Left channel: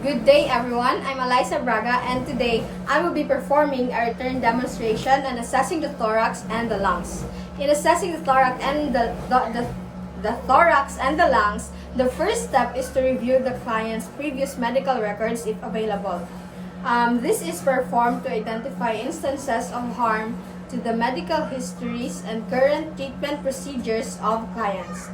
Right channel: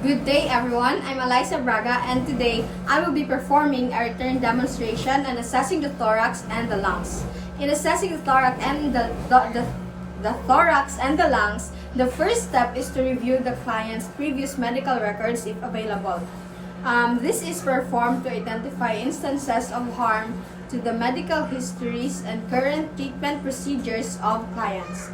Good day everyone, I'm Eliza Braga and today I will be performing a return demonstration on assessing the thorax and the lungs. In assessing the thorax and the thorax and the lungs, the first step is to review the client's previous medical records if available. This is performed to identify instances of harm to the medical histories and current treatment procedures of clients.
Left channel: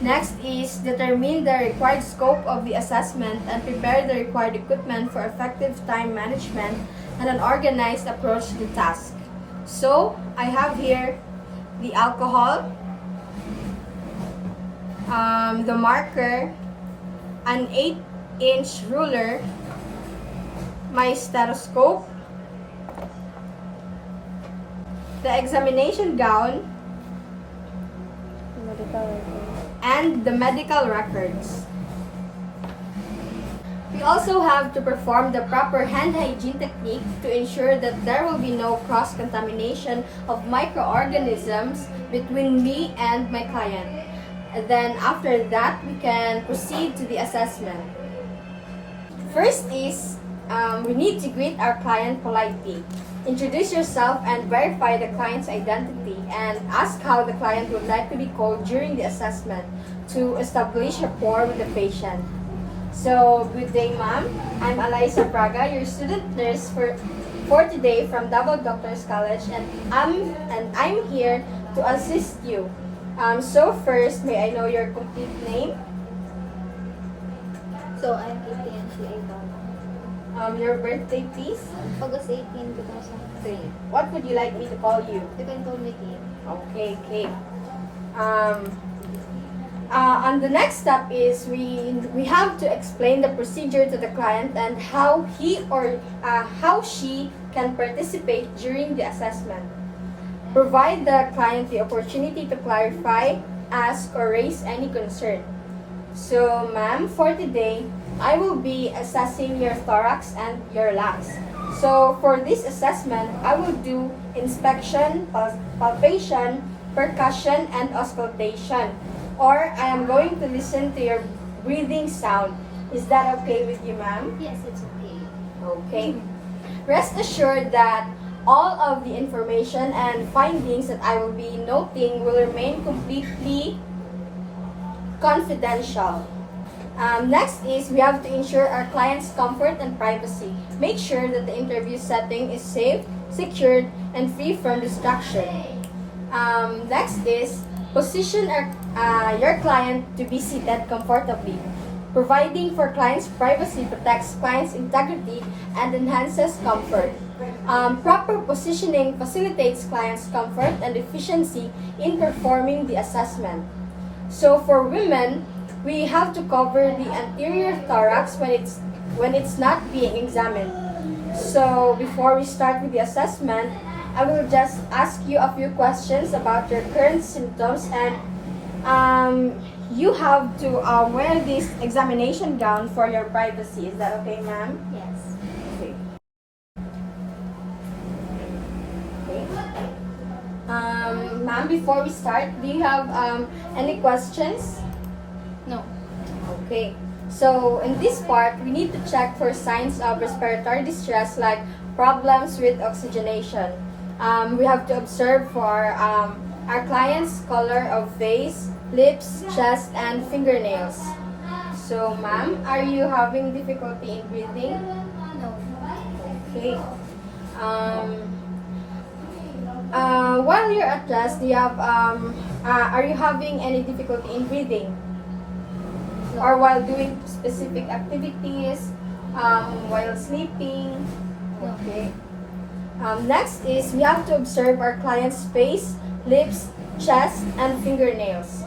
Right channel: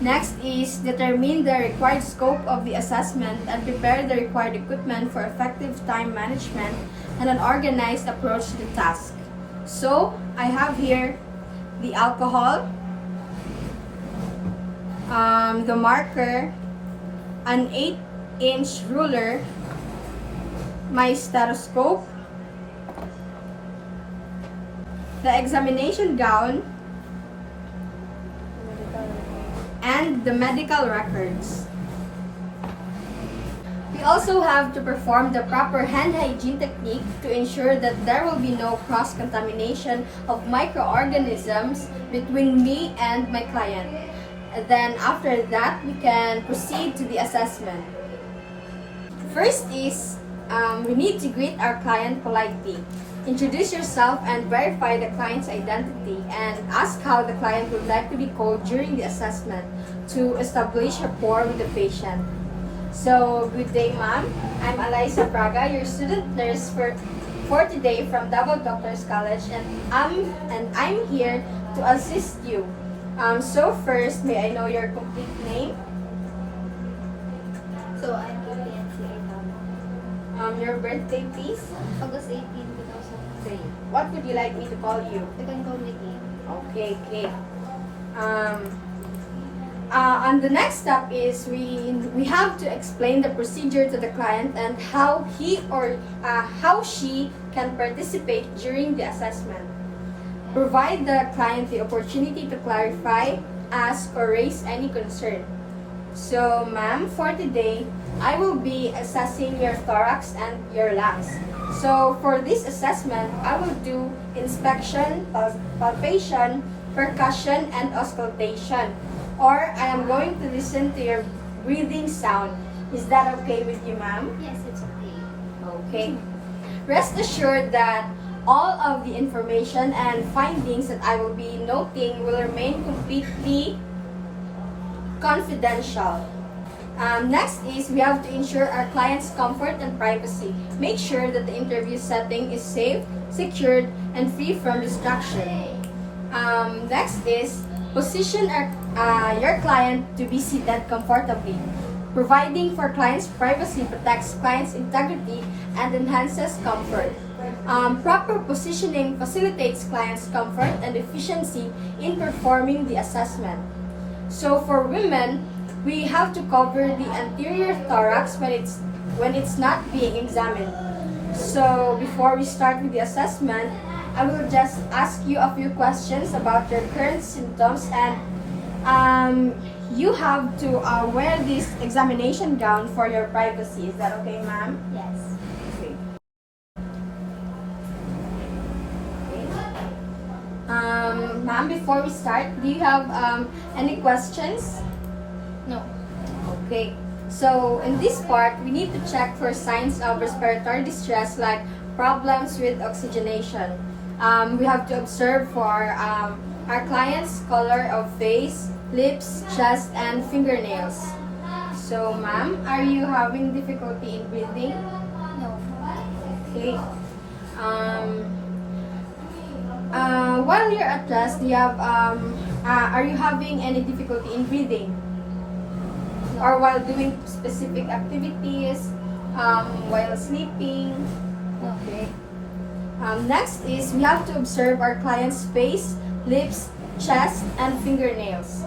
Next is determine the required scope of the assessment and prepare the required equipment for effective time management and an organized approach to the task. So, I have here the alcohol, the marker, an 8-inch ruler, my stethoscope, the examination gown, and the medical records. We also have to perform the proper hand hygiene technique to ensure that there will be no cross-contamination of microorganisms between me and my client. And then after that, we can proceed to the assessment. First is, we need to greet our client politely. Introduce yourself and verify the client's identity and ask how the client would like to be called during the assessment to establish rapport with the patient. So, good day ma'am. I'm Eliza Braga, your student nurse for today from Davao Doctors College, and I'm here to assist you. So first, may I know your complete name? So, I'm Vivian. Your birthday please? August 18, 2003. What would you like me to call you? You can call me Kim. Okay. And the next step is we have to explain the procedure to the client and how how she can participate during the assessment. Provide the client the opportunity to clarify, ask, or raise any concern. So, ma'am, for today, I will be assessing your thorax and your lungs. So, for this assessment, I will do inspection, palpation, percussion, and auscultation. Or I am going to listen to your breathing sound. Is that okay with you, ma'am? Yes, it's okay. Okay. Rest assured that all of the information and findings that I will be noting will remain completely confidential. Next is we have to ensure our client's comfort and privacy. Make sure that the interview setting is safe, secured, and free from distraction. Next is position your client to be seated comfortably. Providing for client's privacy protects client's integrity and enhances comfort. Proper positioning facilitates client's comfort and efficiency in performing the assessment. So for women, we have to cover the anterior thorax when it's not being examined. So before we start with the assessment, I will just ask you a few questions about your current symptoms, and you have to wear this examination gown for your privacy. Is that okay, ma'am? Yes. Okay. Ma'am, before we start, do you have any questions? No. Okay. So in this part, we need to check for signs of respiratory distress like problems with oxygenation. We have to observe for our client's color of face, lips, chest, and fingernails. So, ma'am, are you having difficulty in breathing? No. Okay. While you're at rest, do you have are you having any difficulty in breathing? Or while doing specific activities, while sleeping? No. Okay. Next is we have to observe our client's face, lips, chest, and fingernails.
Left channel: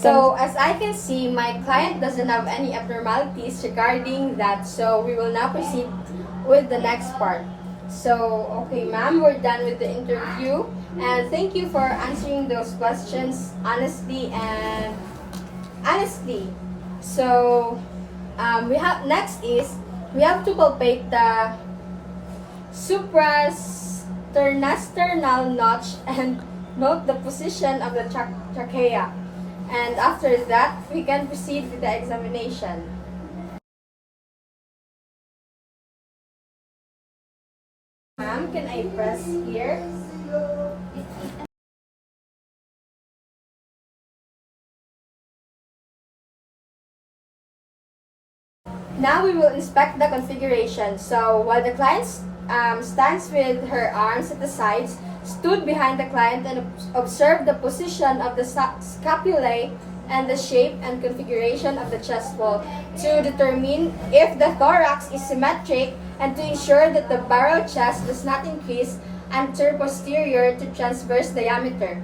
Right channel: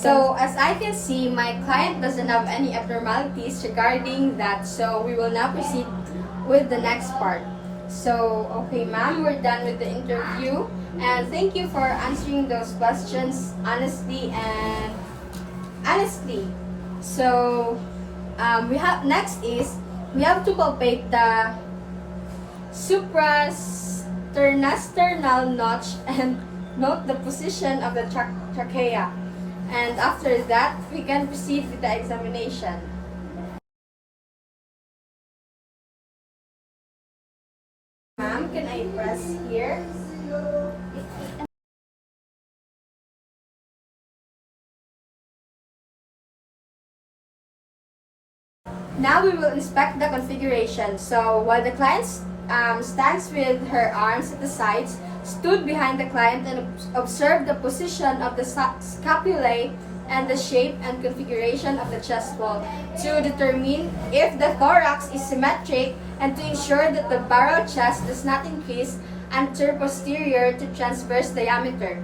So, as I can see, my client doesn't have any abnormalities regarding that, so we will now proceed with the next part. So, okay, ma'am, we're done with the interview, and thank you for answering those questions honestly. So, we have next is we have to palpate the suprasternal notch and note the position of the trachea. And after that, we can proceed with the examination. Ma'am, can I press here? Now we will inspect the configuration. So while the client stands with her arms at the sides, stood behind the client and observe the position of the scapulae and the shape and configuration of the chest wall to determine if the thorax is symmetric and to ensure that the barrel chest does not increase anterior-posterior to transverse diameter.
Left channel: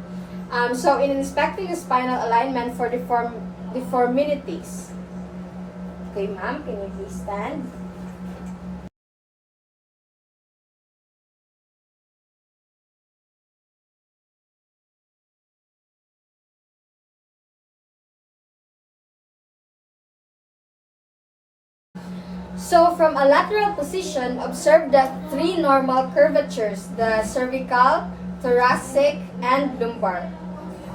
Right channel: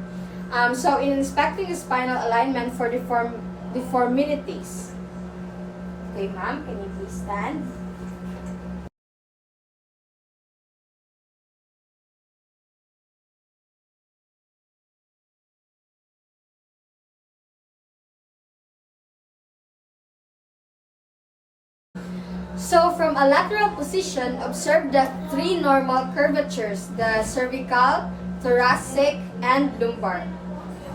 So in inspecting the spinal alignment for deformities. Okay, ma'am, can you please stand? So from a lateral position, observe the three normal curvatures, the cervical, thoracic, and lumbar.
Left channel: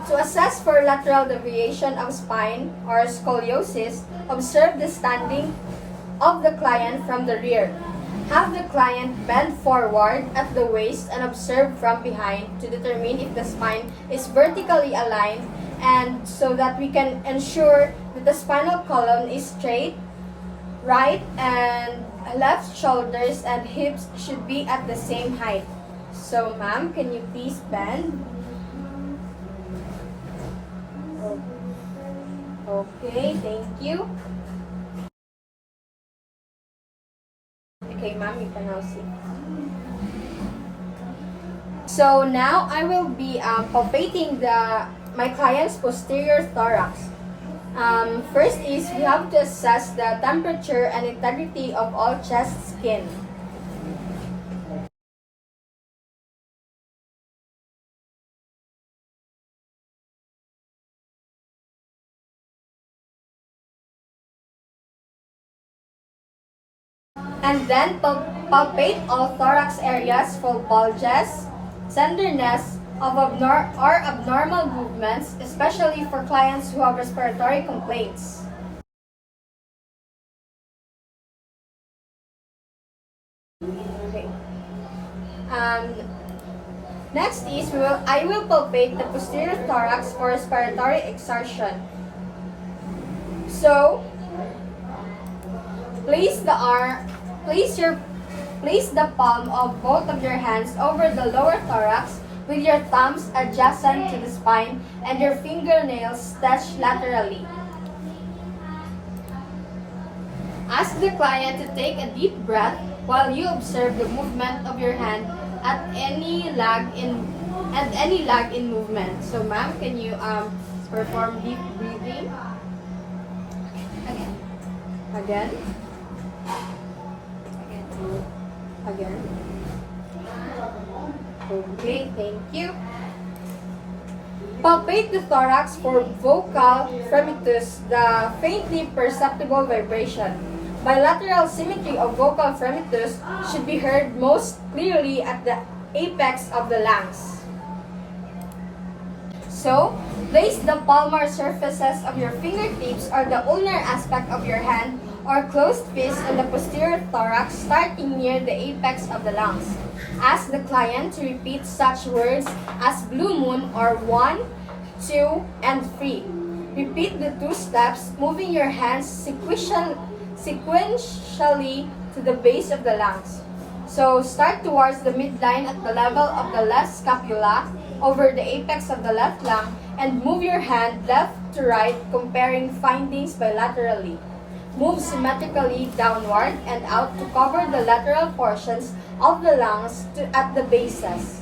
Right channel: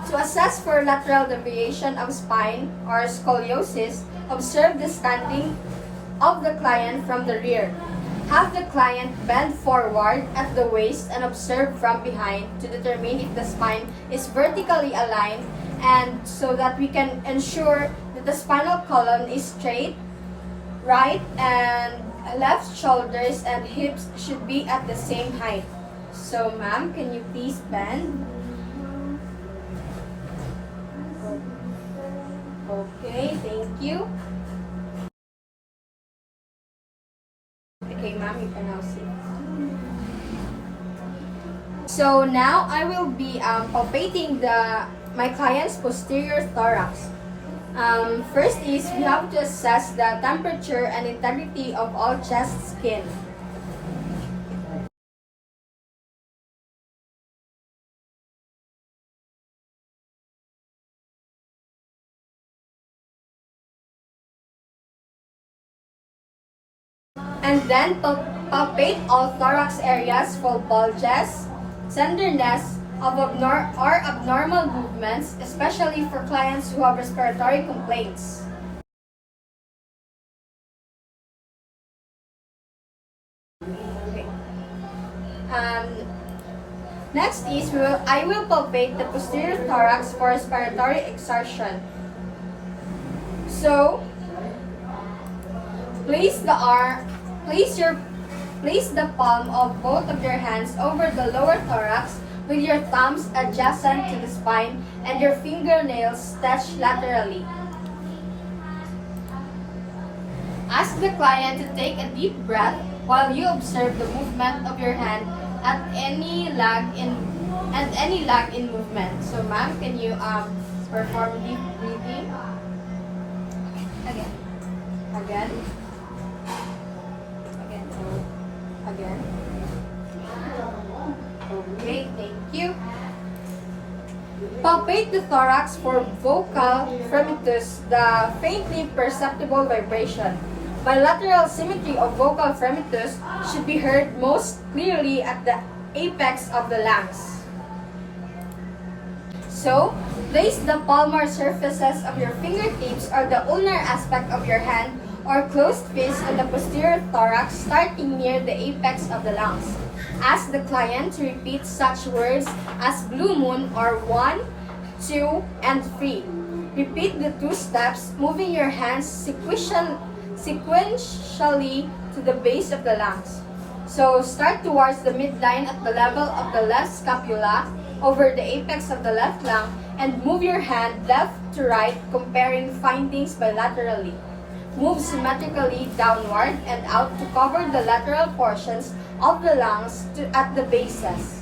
To assess for lateral deviation of spine or scoliosis, observe the standing of the client from the rear. Have the client bend forward at the waist and observe from behind to determine if the spine is vertically aligned and so that we can ensure that the spinal column is straight. Right and left shoulders and hips should be at the same height. So ma'am, can you please bend? Okay, thank you. Okay, ma'am, you can now sit. So now I will be palpating my client's posterior thorax. First is we have to assess the temperature and integrity of all chest skin. And then palpate all thorax areas for bulges, tenderness, or abnormal movements, especially for clients who have respiratory complaints. Okay. Next is I will palpate the posterior thorax for respiratory exertion. So place the palm of both of your hands over the lower thorax with your thumbs adjacent to the spine and your fingernails touch laterally. Ask the client to take a deep breath while you observe the movement of your hand at any lag in movement. So ma'am, can you perform deep breathing? Again. Again. Okay, thank you. Palpate the thorax for vocal fremitus, the faintly perceptible vibration. Bilateral symmetry of vocal fremitus should be heard most clearly at the apex of the larynx. So, place the palmar surfaces of your fingertips or the ulnar aspect of your hand or closed fist on the posterior thorax starting near the apex of the lungs. Ask the client to repeat such words as blue moon or 1, 2, and 3. Repeat the 2 steps, moving your hands sequentially to the base of the lungs. So start towards the midline at the level of the left scapula over the apex of the left lung and move your hand left to right, comparing findings bilaterally. Move symmetrically downward and out to cover the lateral portions of the lungs at the bases.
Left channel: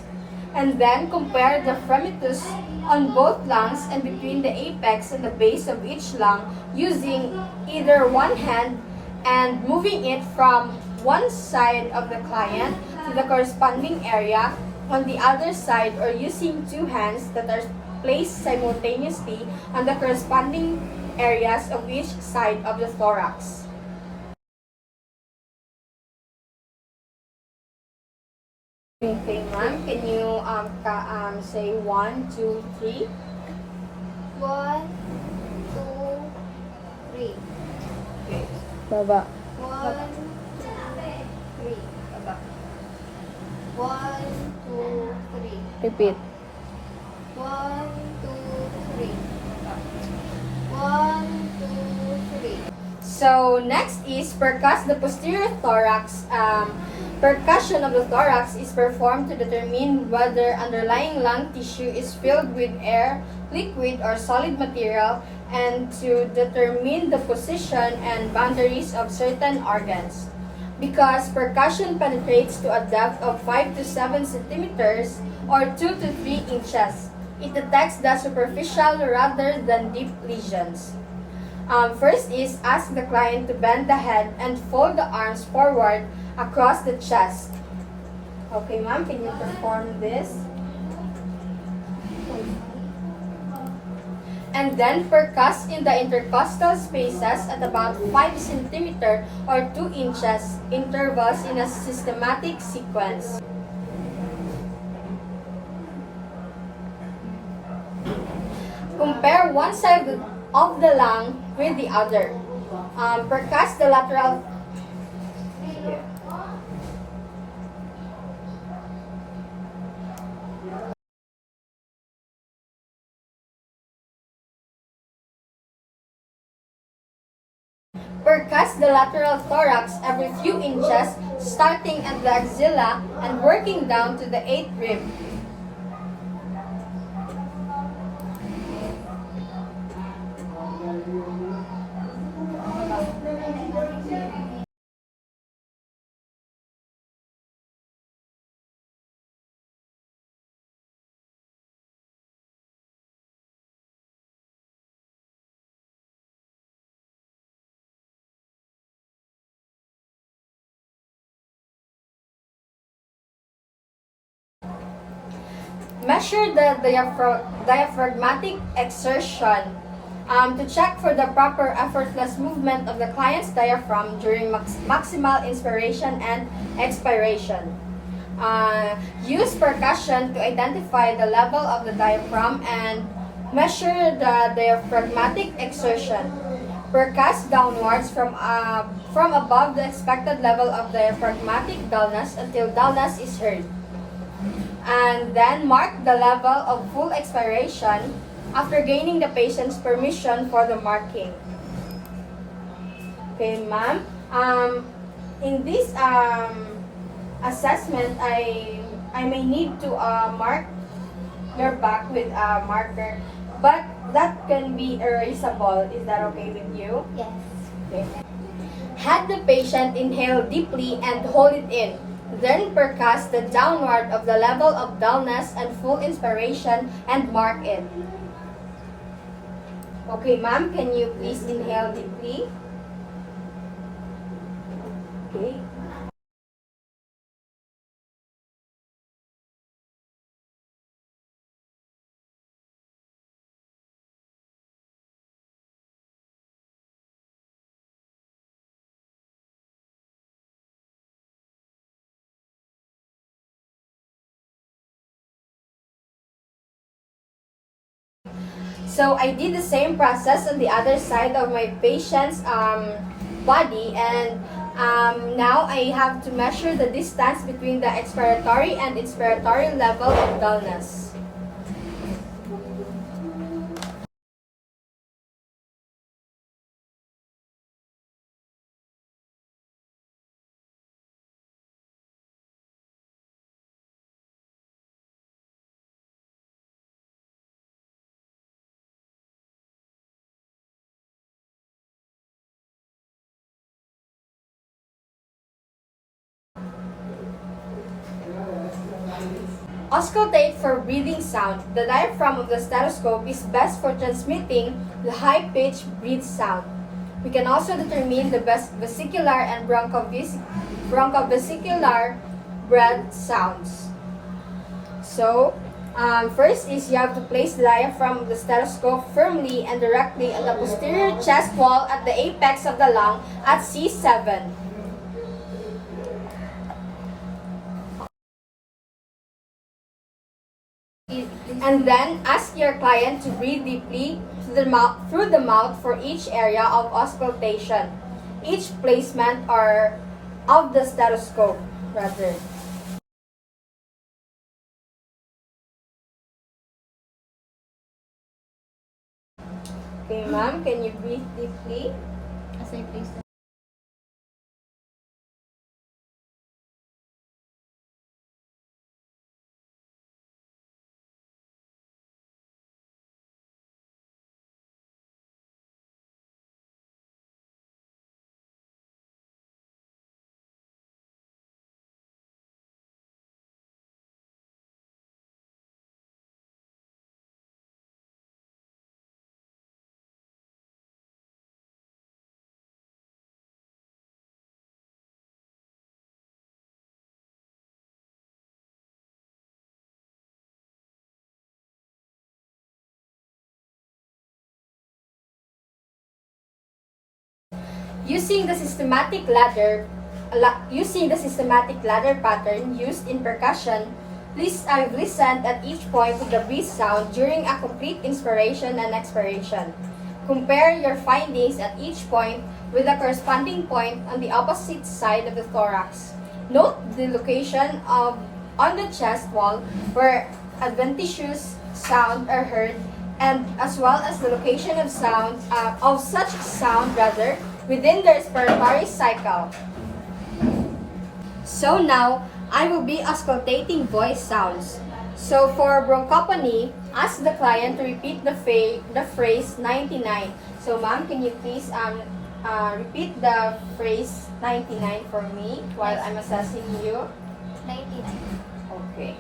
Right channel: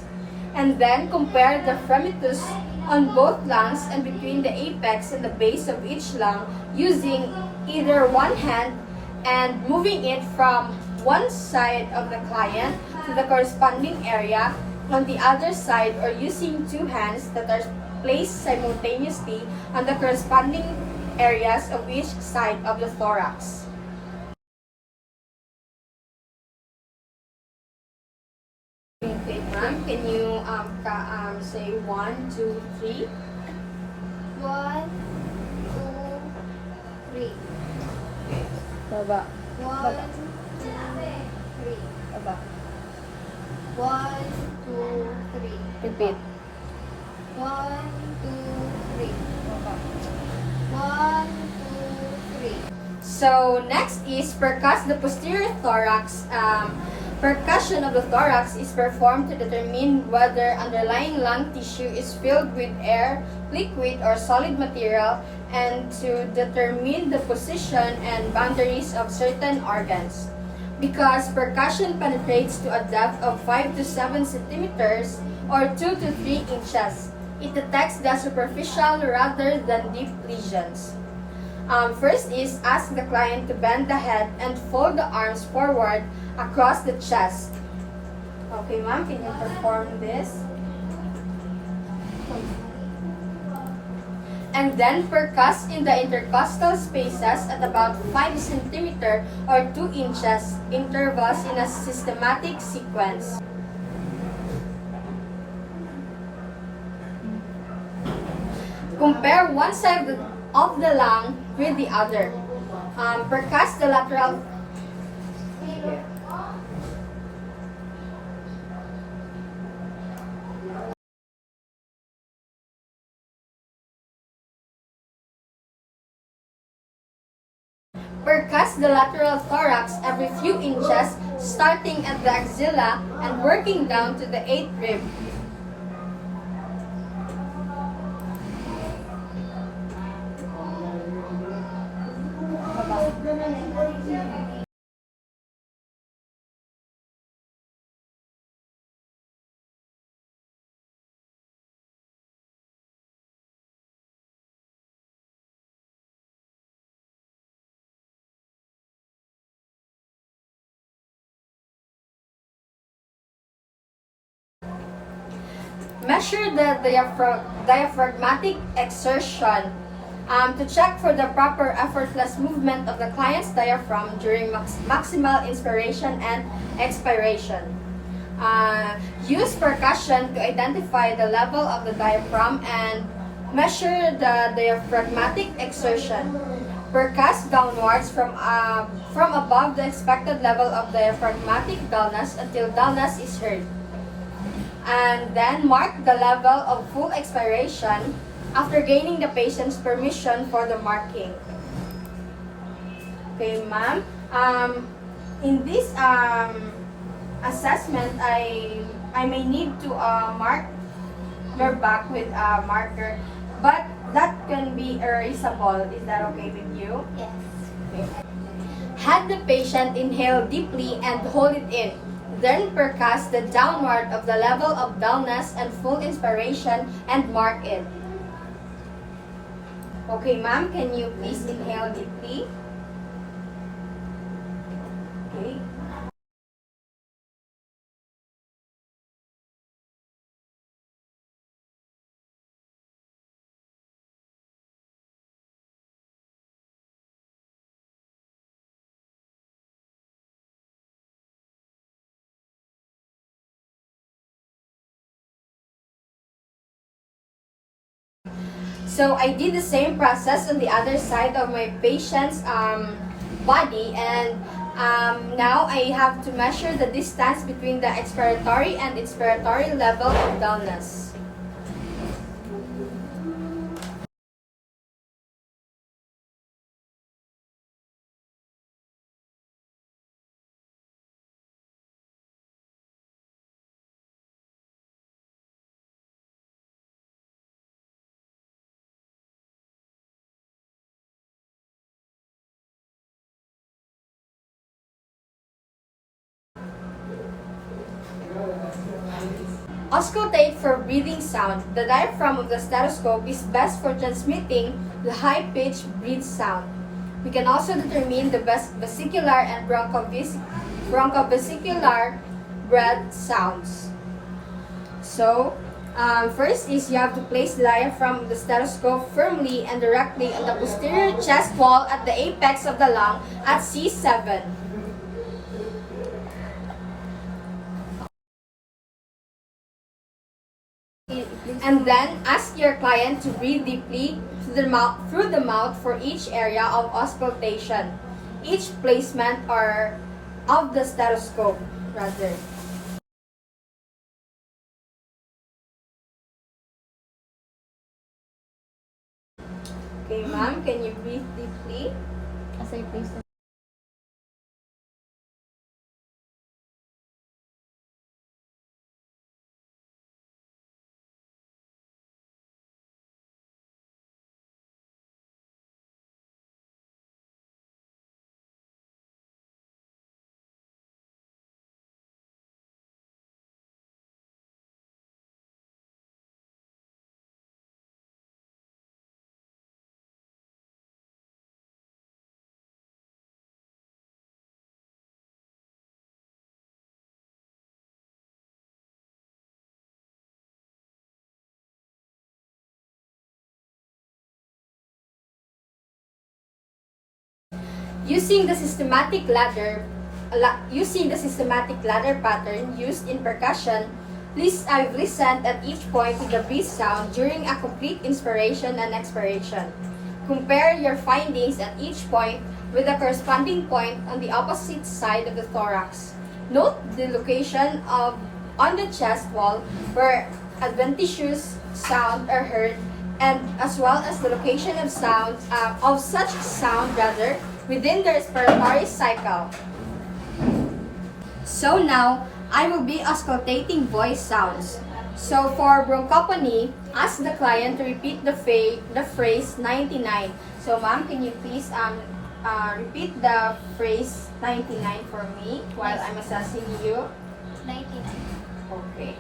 And then compare the fremitus on both lungs and between the apex and the base of each lung using either one hand and moving it from one side of the client to the corresponding area on the other side, or using 2 hands that are placed simultaneously on the corresponding areas of each side of the thorax. Okay, ma'am. Can you say 1, 2, 3? 1, 2, 3. Baba. 1, 2, 3. Baba. 1, 2, 3. Repeat. 1, 2, 3. 1, 2, 3. So next is percuss the posterior thorax. Percussion of the thorax is performed to determine whether underlying lung tissue is filled with air, liquid, or solid material, and to determine the position and boundaries of certain organs. Because percussion penetrates to a depth of 5 to 7 centimeters or 2 to 3 inches, it detects the superficial rather than deep lesions. First is ask the client to bend the head and fold the arms forward across the chest. Okay, ma'am, can you perform this? And then percuss in the intercostal spaces at about 5 centimeter or 2 inches intervals in a systematic sequence. Compare one side of the lung with the other. Percuss the lateral. Percuss the lateral thorax every few inches, starting at the axilla and working down to the 8th rib. Measure the diaphragmatic exertion to check for the proper effortless movement of the client's diaphragm during maximal inspiration and expiration. Use percussion to identify the level of the diaphragm and measure the diaphragmatic exertion. Percuss downwards from above the expected level of diaphragmatic dullness until dullness is heard. And then mark the level of full expiration after gaining the patient's permission for the marking. Okay, ma'am. In this assessment, I may need to mark your back with a marker, but that can be erasable. Is that okay with you? Yes. Okay. Have the patient inhale deeply and hold it in. Then percuss the downward of the level of dullness and full inspiration and mark it. Okay, ma'am, can you please inhale deeply? Okay. So I did the same process on the other side of my patient's body, and now I have to measure the distance between the expiratory and inspiratory level of dullness. Auscultate for breathing sound. The diaphragm of the stethoscope is best for transmitting the high-pitched breath sound. We can also determine the best vesicular and bronchovesicular breath sounds. So, first is you have to place the diaphragm of the stethoscope firmly and directly on the posterior chest wall at the apex of the lung at C7. And then ask your client to breathe deeply through the mouth for each area of auscultation, each placement or of the stethoscope, rather. Okay, ma'am, can you breathe deeply? As I place the Using the systematic ladder pattern used in percussion, I've listened at each point with the breath sound during a complete inspiration and expiration. Compare your findings at each point with the corresponding point on the opposite side of the thorax. Note the location on the chest wall where adventitious sound are heard, and as well as the location of such sound within the respiratory cycle. So now, I will be auscultating voice sounds. So for bronchophony, ask the client to repeat the phrase 99. So ma'am, can you please repeat the phrase 99 for me while I'm assessing you? 99. Okay.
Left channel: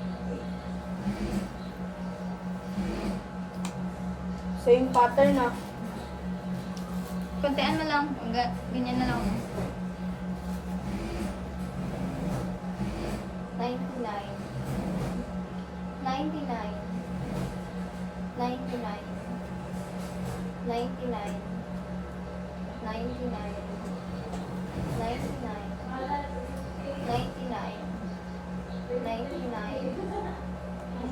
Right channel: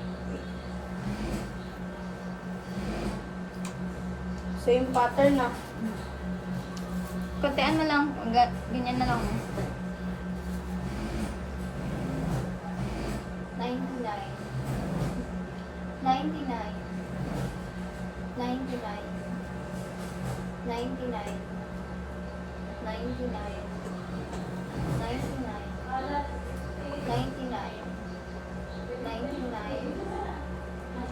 So yung pattern na Pagtian mo lang, ganyan na lang. 99. 99. 99. 99. 99. 99. 99.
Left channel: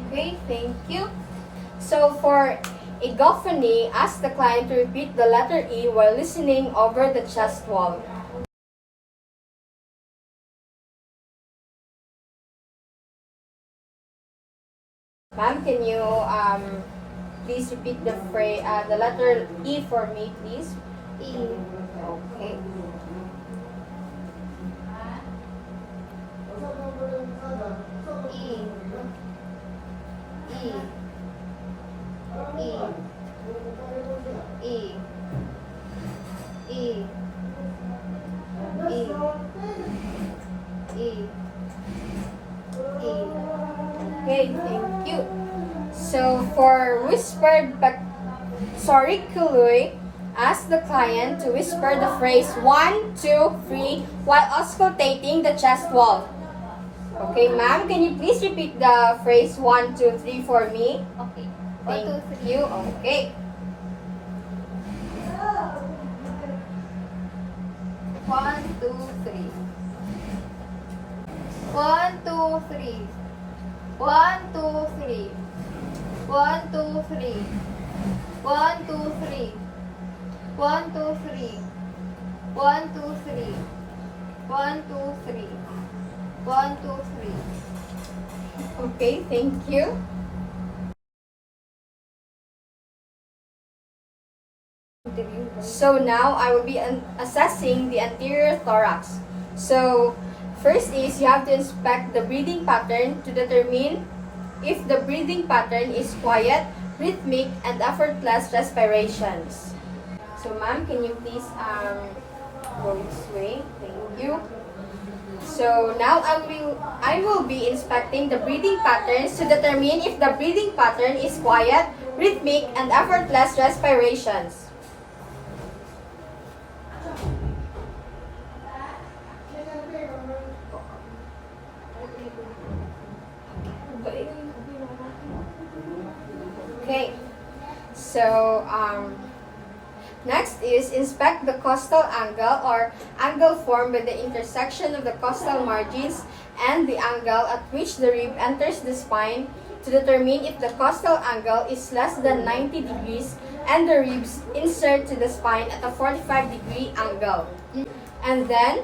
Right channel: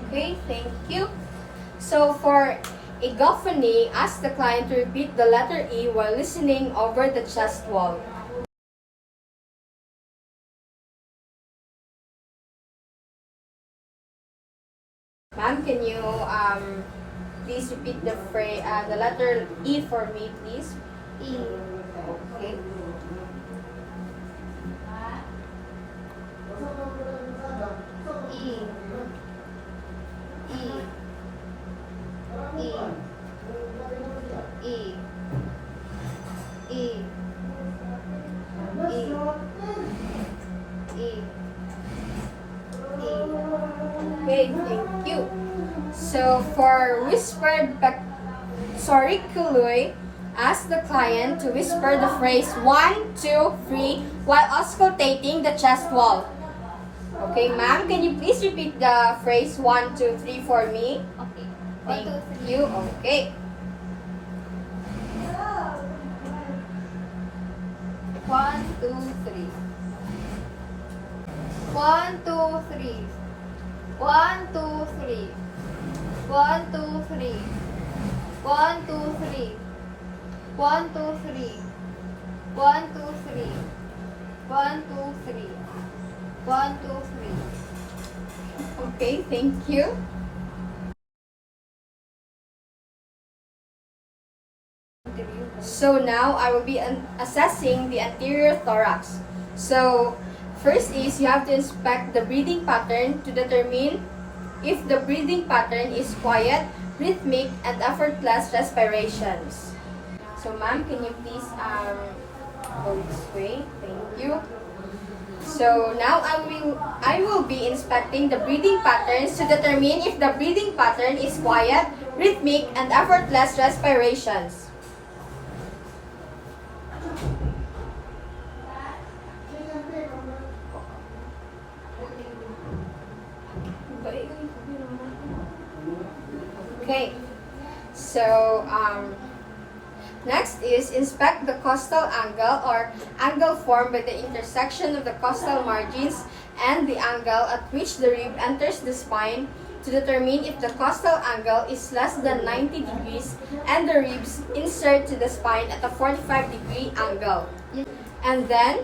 Okay, thank you. So for egophony, ask the client to repeat the letter E while listening over the chest wall. Ma'am, can you please repeat the letter E for me, please? E. Okay. E. E. E. E. Okay, thank you. So for whispered psoriculi, ask the client to whisper the phrase 1, 2, 3 while auscultating the chest wall. Okay, ma'am, can you please repeat the phrase 1, 2, 3 for me? Okay. 1, Thank 2, 3. you. Okay. 1, 2, 3. 1, 2, 3. 1, 2, 3. 1, 2, 3. 1, 2, 3. 1, 2, 3. 1, 2, 3. 1, 2, 3. 1, 2, 3. Okay, thank you. So now I will be assessing the anterior thorax. So first is you have to inspect the breathing pattern to determine if the breathing pattern is quiet, rhythmic, and effortless respirations. So ma'am, can you please go this way? Thank you. So now I will be inspecting the breathing patterns to determine if the breathing pattern is quiet, rhythmic, and effortless respirations. Okay, so next is inspect the costal angle or angle formed by the intersection of the costal margins and the angle at which the rib enters the spine to determine if the costal angle is less than 90 degrees and the ribs insert to the spine at a 45-degree angle. And then,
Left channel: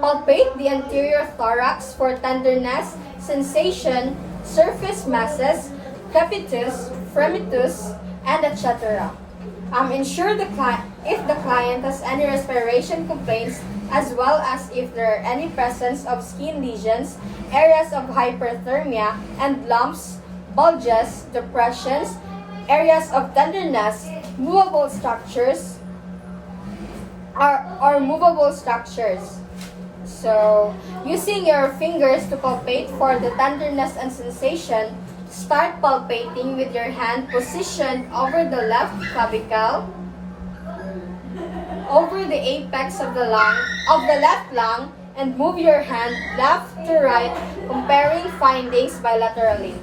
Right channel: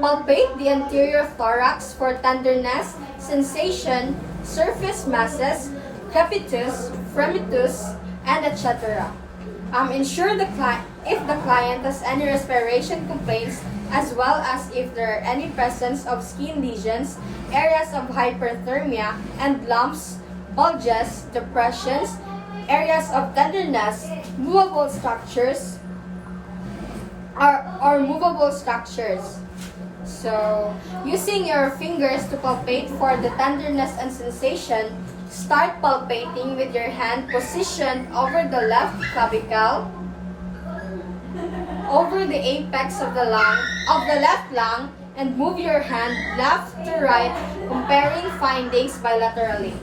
palpate the anterior thorax for tenderness, sensation, surface masses, crepitus, fremitus, and etc. Ensure if the client has any respiration complaints, as well as if there are any presence of skin lesions, areas of hyperthermia, and lumps, bulges, depressions, areas of tenderness, movable structures, or movable structures. So, using your fingers to palpate for the tenderness and sensation, start palpating with your hand positioned over the left clavicle, over the apex of the left lung, and move your hand left to right, comparing findings bilaterally.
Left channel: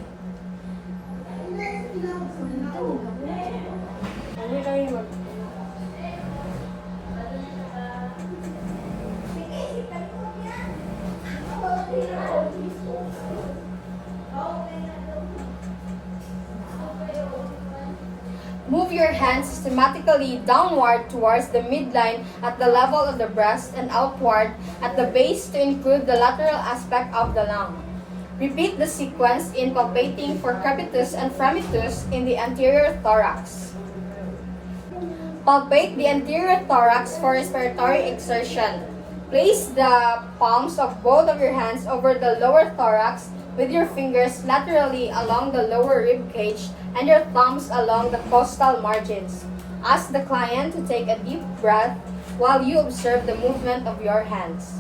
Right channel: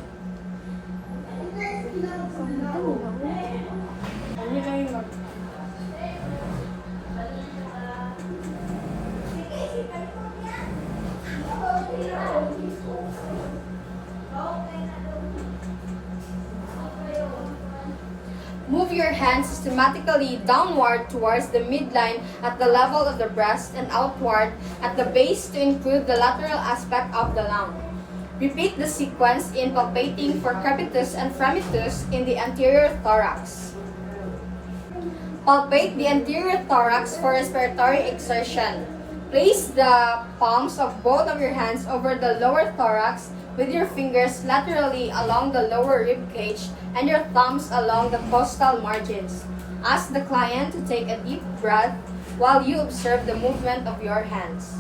Move your hands systematically downward towards the midline at the level of the breast and outward at the base to include the lateral aspect of the lung. Repeat the sequence in palpating for crepitus and fremitus in the anterior thorax. Palpate the anterior thorax for respiratory exertion. Place the palms of both of your hands over the lower thorax with your fingers laterally along the lower rib cage and your thumbs along the costal margins. Ask the client to take a deep breath while you observe the movement of your hands.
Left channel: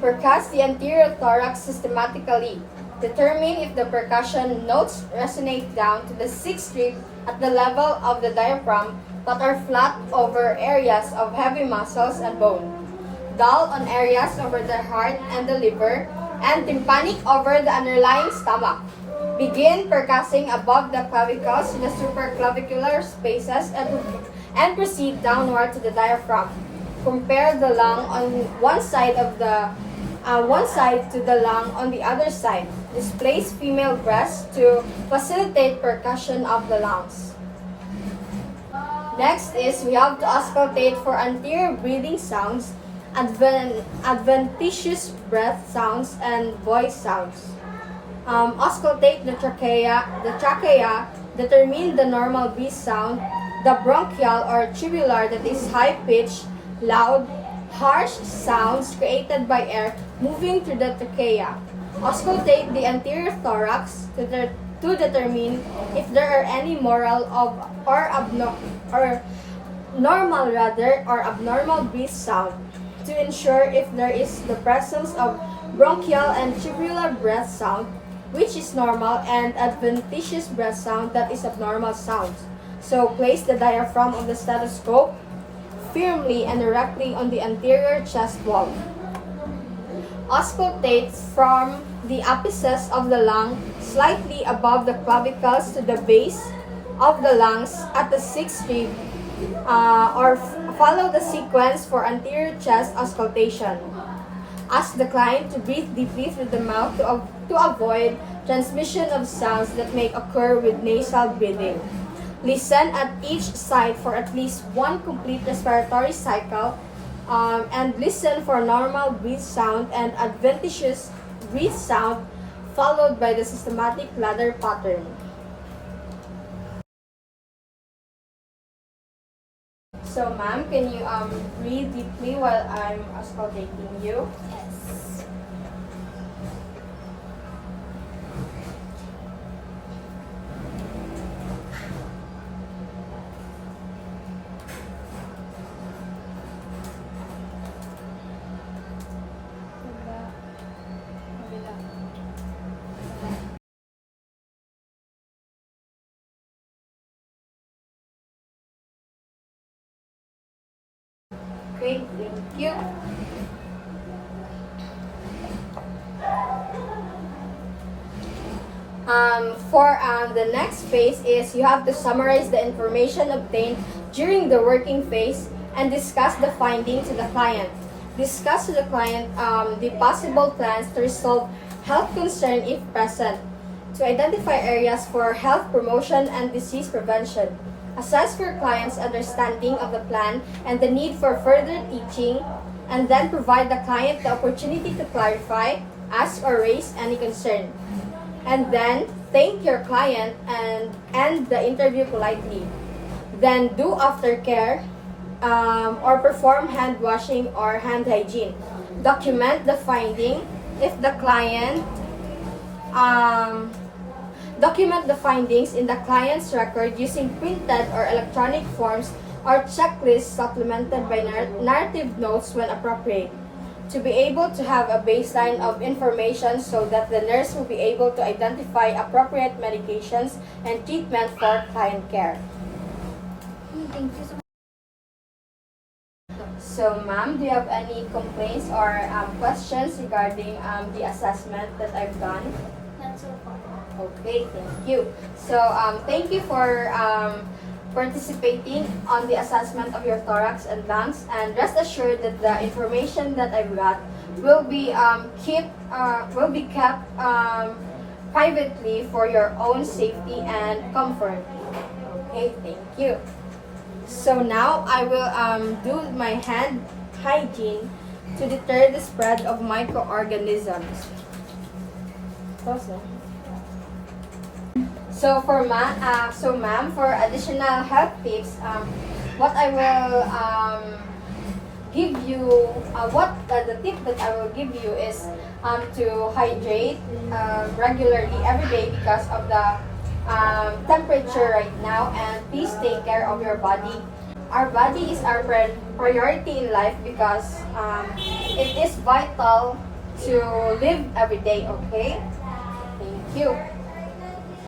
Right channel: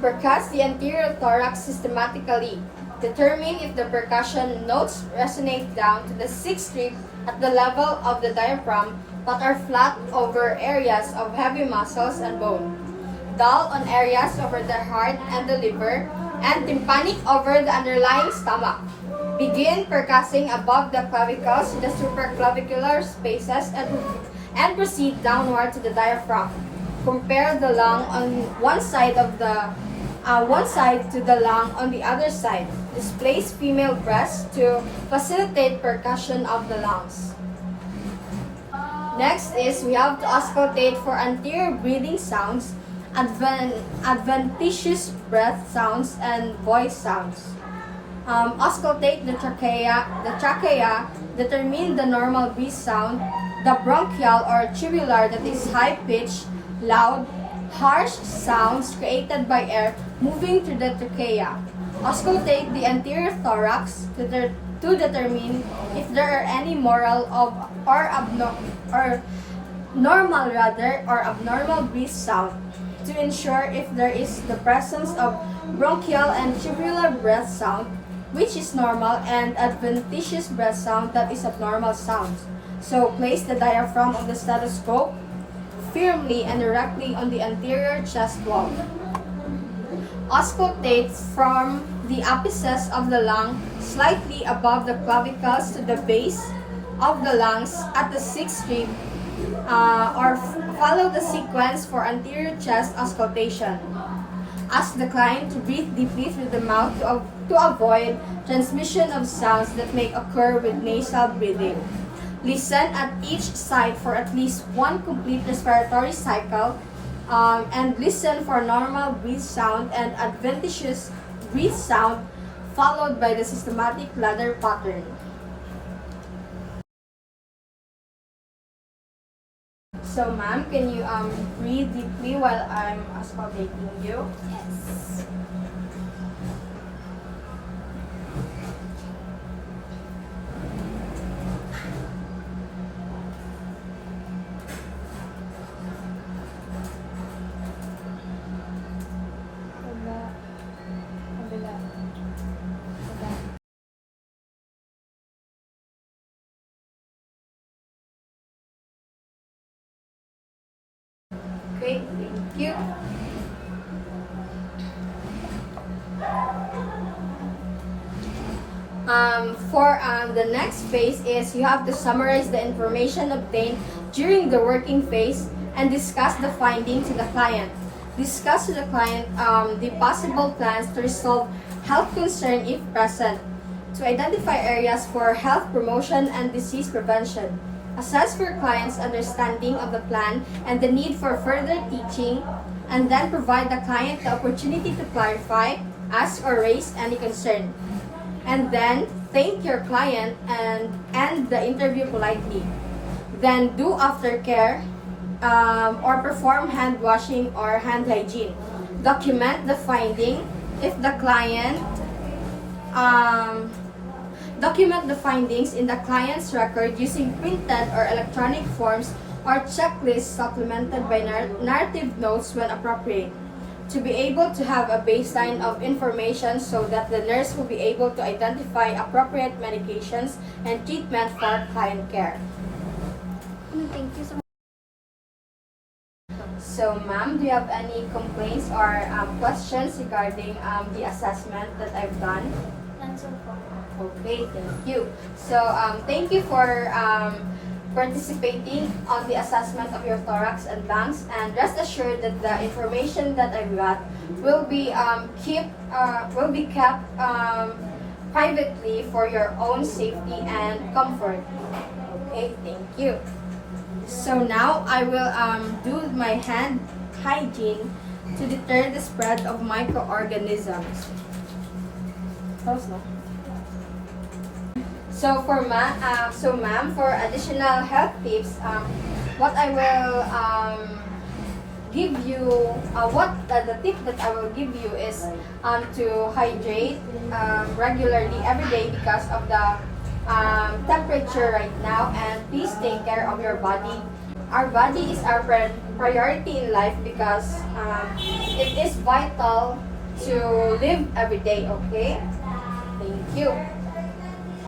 Percuss the anterior thorax systematically. Determine if the percussion notes resonate down to the sixth rib at the level of the diaphragm but are flat over areas of heavy muscles and bone, dull on areas over the heart and the liver, and tympanic over the underlying stomach. Begin percussing above the clavicles in the supraclavicular spaces and proceed downward to the diaphragm. Compare the lung on one side to the lung on the other side. Displace female breast to facilitate percussion of the lungs. Next is we have to auscultate for anterior breathing sounds, adventitious breath sounds, and voice sounds. Auscultate the trachea, determine the normal breath sound, the bronchial or tubular that is high-pitched, loud, harsh sounds created by air moving through the trachea. Auscultate the anterior thorax to determine if there are any abnormal breath sound, to ensure if there is the presence of bronchial and tubular breath sound, which is normal, and adventitious breath sound, that is abnormal sound. So place the diaphragm of the stethoscope firmly and directly on the anterior chest wall. Auscultate from the apices of the lung slightly above the clavicles to the base of the lungs at the sixth rib, or follow the sequence for anterior chest auscultation. Ask the client to breathe deeply through the mouth to avoid transmission of sounds that may occur with nasal breathing. Listen at each side for at least one complete respiratory cycle, and listen for normal breath sound and adventitious breath sound, followed by the systematic ladder pattern. So, ma'am, can you breathe deeply while I'm auscultating you? Yes. Okay, thank you. The next phase is you have to summarize the information obtained during the working phase and discuss the findings to the client. Discuss to the client the possible plans to resolve health concern if present. To identify areas for health promotion and disease prevention. Assess your client's understanding of the plan and the need for further teaching, and then provide the client the opportunity to clarify, ask or raise any concern. And then thank your client and end the interview politely. Then do aftercare or perform hand washing or hand hygiene. Document the finding if the client document the findings in the client's record using printed or electronic forms or checklists supplemented by narrative notes when appropriate. To be able to have a baseline of information so that the nurse will be able to identify appropriate medications and treatment for client care. Thank you so much. So, ma'am, do you have any complaints or questions regarding the assessment that I've done? Answer po. Okay, thank you. So, thank you for participating on the assessment of your thorax and lungs, and rest assured that the information that I've got will be kept privately for your own safety and comfort. Okay, thank you. So now I will do my hand hygiene to deter the spread of microorganisms. Pause na. So ma'am, for additional health tips, what I will give you, the tip that I will give you is to hydrate regularly every day because of the temperature right now, and please take care of your body. Our body is our priority in life because it is vital to live every day. Okay, thank you.